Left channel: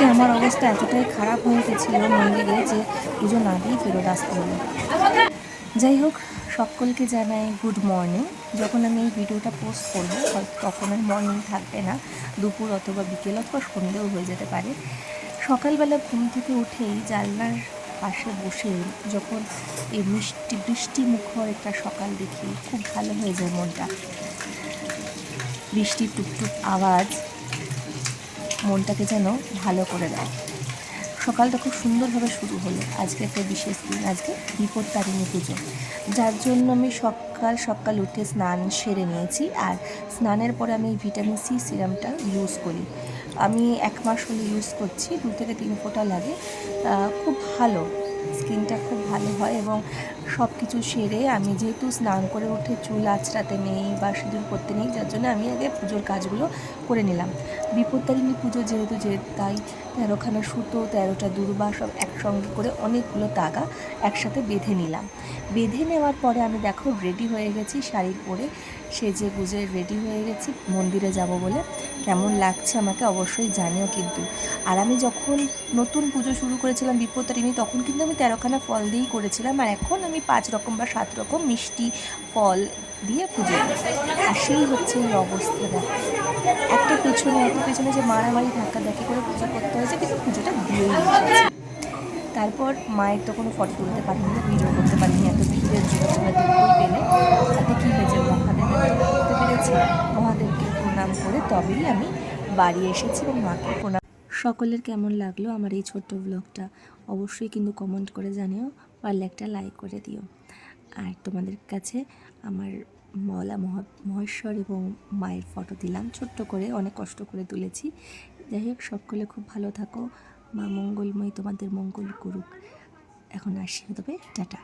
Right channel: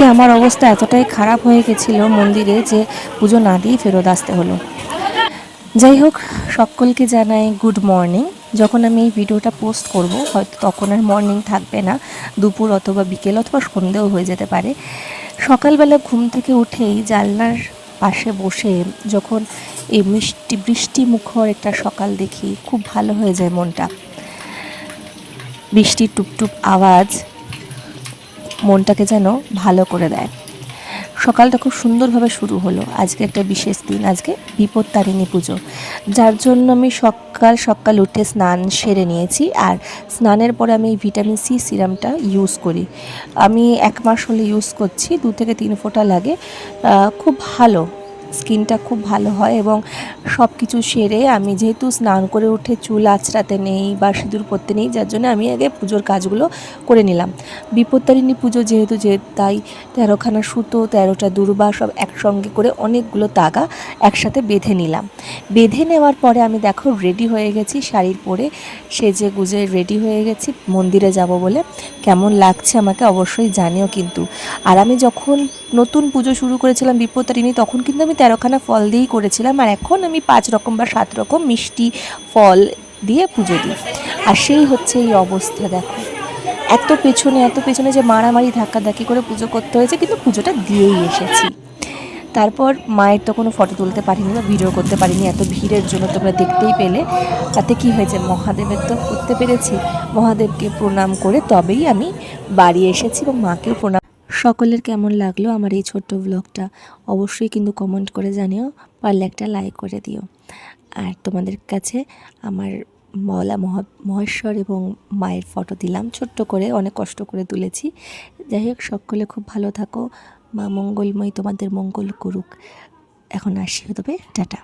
আজকে আমার অবস্থা এতটাই খারাপ হয়ে গেছিলো মন্দিরে যে পুজো না দিয়েই ফেরত আসতে হলো। যাই হোক, সকলকে জানাই গুড মর্নিং। যখন আমি এই ভিডিওটা পোস্ট করব হয়তো তখন আর মর্নিং থাকবে না, দুপুর অথবা বিকেল অথবা সন্ধেও হয়ে যেতে পারে। সকালবেলা ঘুম থেকে উঠেই জানলার পাশে বসে যখন এই বৃষ্টি মুখর একটা সকাল দেখি, খুব ভালো হয়ে যায় মনটা। বৃষ্টির টুপটুপ আওয়াজ মনটাকে যেন ভালো করে দেয়। সকালটা খুব সুন্দরভাবে শুরু হলো। আজকে একটা বিশেষ দিন, আজকে বিপত্তারিণী পুজো, যার জন্য আমি সকাল সকাল উঠে স্নান সেরে নিয়েছি। আর স্নানের পরে আমি এই ভিটামিন সি সিরামটা ইউজ করি। আমি 1 মাস হলে ইউজ করছি, 2 থেকে 3 ফোঁটা লাগে। খুব ভালো, স্কিনটা খুব ভালো হয়। এবং সব কিছু সেরে আমি যেহেতু স্নান করে উঠে চুল আঁচড়াতে নেই বা সিঁদুর পরতে নেই, যার জন্য আমি আগে পুজোর কাজগুলো করে নিলাম। বিপত্তারিণী পুজো যেহেতু তাই 13খানা সুতো, 13টা দূর্বা সব একসঙ্গে করে অনেকগুলো তাগা একসাথে বেঁধে নিলাম। বেঁধে নেওয়ার পরে আমি দেখো রেডি হয়ে গেছি, শাড়ি পরে সেজে গুজে রেডি হয়ে গেছি মন্দিরে যাব বলে। কেমন লাগছে আমাকে অবশ্যই জানিও কিন্তু। আর আমি যখন নতুন পুজো শুরু করেছিলাম বিপত্তারিণী, তখন কিন্তু আমি 13খানা ফল দিয়েই করেছিলাম। আর এখন আমি 5 রকম বা 7 রকম মিষ্টি ফল দিয়ে পুজো দিই। আর সেই হচ্ছে এই অবস্থা, দেখো এত পেছনে যে মারামারি ধাক্কাধাক্কি করে পুজো করতে হয়েছে, কিন্তু পুজোটা দিয়েই এসেছি। তারপর মায়ের তো কোনো ফটো তুলতে পারিনি বা ভিডিও করতে পারিনি, এত ভিড়ের জন্য তোমরা দেখতেই পেলে। তাতে কি হয়েছে, মহাদেবের তো করতে পেরেছি। মহাদেবকে প্রণাম করে তবেই আমি বাড়ি এসেছি এবং মাকেও প্রণাম। সকলের কেমন লাগলো আমার এই ছোট্ট ব্লগটা অবশ্যই কিন্তু কমেন্ট করে জানিও, পারলে একটা লাইক করে দিও। আর তোমাদের কাছে আমার মহেশ্বর এবং মায়ের ফটো দিলাম ছোট্ট করে, অনেক কষ্ট করে তুলেছি। যাই হোক, সকলে খুব ভালো থাকো, মা মঙ্গলময় তোমাদের মঙ্গল করুক। এখন আসি, তবে টাটা।